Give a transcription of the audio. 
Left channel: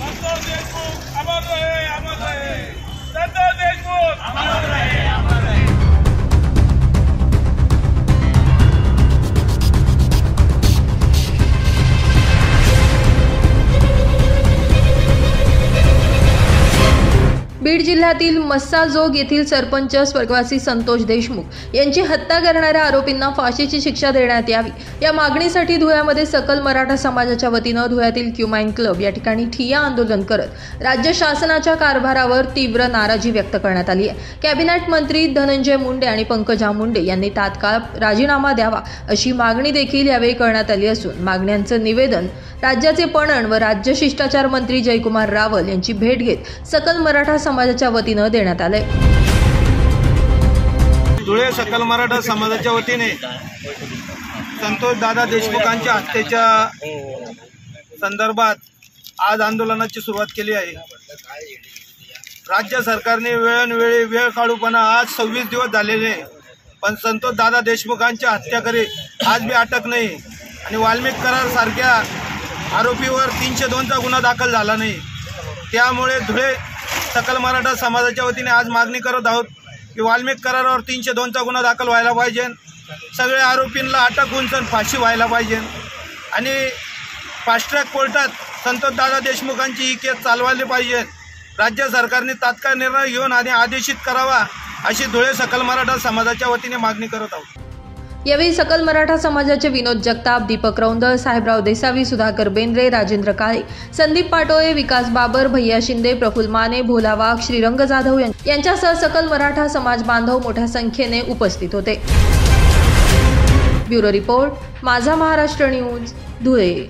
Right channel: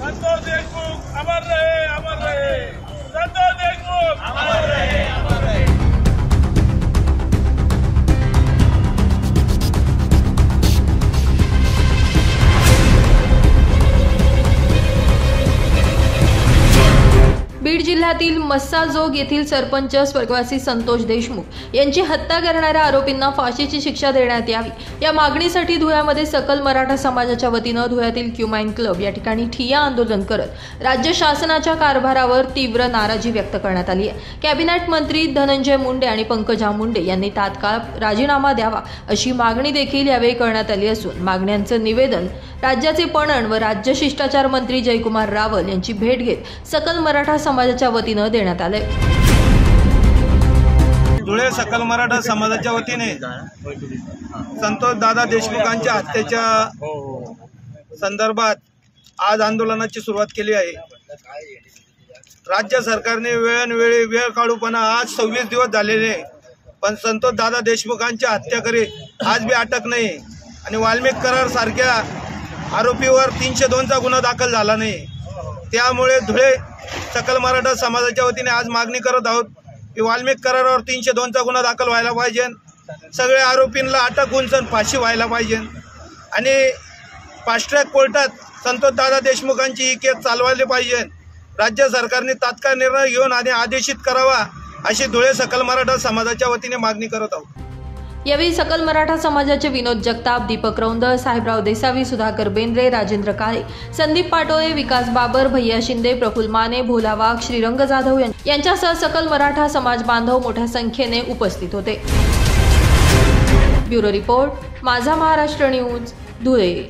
संतोष देशमुख अमर रहे, अमर रहे। संतोष देशमुख अमर रहे, अमर रहे। बीड जिल्ह्यातील मस्साजोग येथील सरपंच स्वर्गवासी संतोष देशमुख यांची हत्या करणाऱ्या आरोपींना फाशीची शिक्षा देण्यात यावी या मागणीसाठी धुळ्यामध्ये सकल मराठा समाजाच्या वतीनं धुळ्यातील क्युमाइन क्लब या ठिकाणी ठिय्या आंदोलन करत राज्य शासनाच्या कारभारावर तीव्र नाराजी व्यक्त करण्यात आली आहे। कॅबिनेट मंत्री धनंजय मुंडे आणि पंकजा मुंडे यांनी तात्काळ राजीनामा द्यावा अशी मागणी देखील यावेळी करण्यात आली असून मागण्यांचं निवेदन राज्याचे पणन व राज्य शिष्टाचार मंत्री जयकुमार रावल यांची भेट घेत सकल मराठा समाजाच्या वतीनं देण्यात आले। धुळे सकल मराठा समाजाच्या वतीने संतोष दादा देशमुखांच्या हत्येच्या संदर्भात आज आंदोलनाची सुरुवात केली आहे। राज्य सरकारने वेळोवेळी वेळ काढूपणा आज 26 दिवस झालेले, पण संतोष दादा देशमुखांच्या हत्याकरी आज बी अटक नाही आणि वाल्मिक करार सारख्या आरोपीवर 302चा गुन्हा दाखल झाला नाही। त्यामुळे धुळे सकल मराठा समाजाच्या वतीने आज मागणी करत आहोत की वाल्मिक करारावर 302चा गुन्हा दाखल व्हायला पाहिजे, सगळे आरोपींना अटक होऊन फाशी व्हायला पाहिजे आणि फास्ट ट्रॅक कोर्टात संतोष दादा देशमुखांची ही केस चालवायला पाहिजे। राज्य सरकारने तात्काळ निर्णय घेऊन आणि आदेशित करावा अशी धुळे सकल मराठा समाजाच्या वतीने मागणी करत आहोत। यावेळी सकल मराठा समाजाचे विनोद जगताप, दीपक रौंदळ, साहेबराव देसावी, सुधाकर बेंद्रे, राजेंद्र काळे, संदीप पाटोळे, विकास बाबर, भैया शिंदे, प्रफुल्ल माने, भोला वाघ, श्रीरंग जाधव यांच्यासह सकल मराठा समाज बांधव मोठ्या संख्येने उपस्थित होते। ब्युरो रिपोर्ट, माझा महाराष्ट्र न्यूज, धुळे।